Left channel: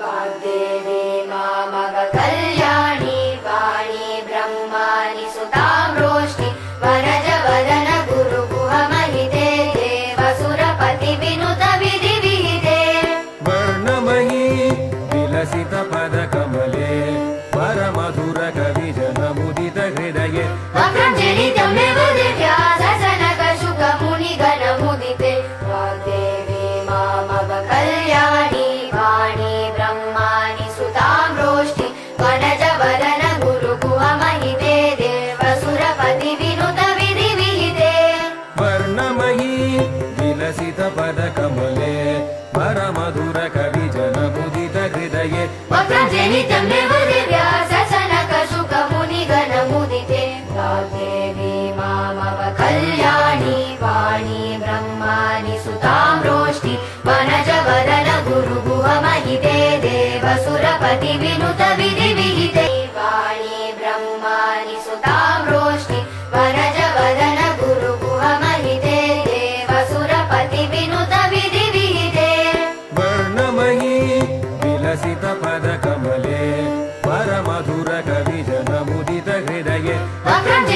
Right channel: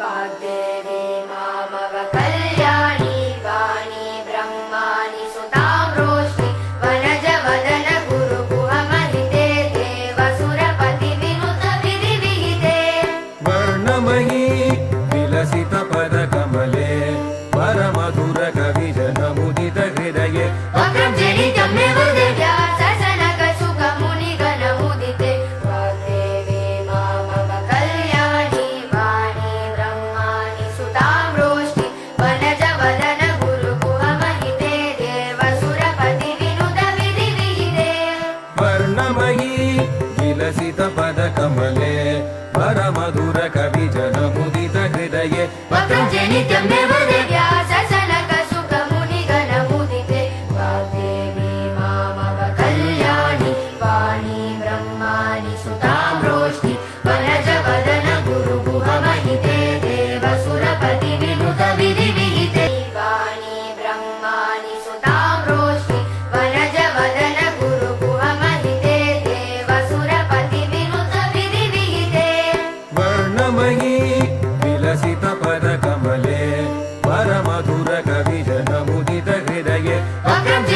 वाग्देवी मामवकल्याणी वाणी ब्रह्माणि सुतां रोष्णि वरजवदन गुरुगुहमहिते देवसुरपतिविनुत विधिविहिते वर्णमयी विलसित पदकमले परमधुर कविजनमुदित हृदये वक्रञ्जलि तमे वदे ससनकशुकमुनिगणमुदिते वाग्देवी मामवकल्याणी वाणी ब्रह्माणि सुतां रोष्णि वरजवदन गुरुगुहमहिते देवसुरपतिविनुत विधिविहिते वर्णमयी विलसित पदकमले परमधुर कविजनमुदित हृदये पतञ्जलि तमे वदे ससनकशुकमुनिगणमुदिते वाग्देवी मामवकल्याणी वाणी ब्रह्माणि सुतां रोष्णि वरजवदन गुरुगुहमहिते देवसुरपतिविनुत विधिविहिते वाणी ब्रह्माणि सुतां रोष्णि वरजवदन गुरुगुहमहिते देवसुरपतिविनुत विधिविहिते वर्णमयी विलसित पदकमले परमधुर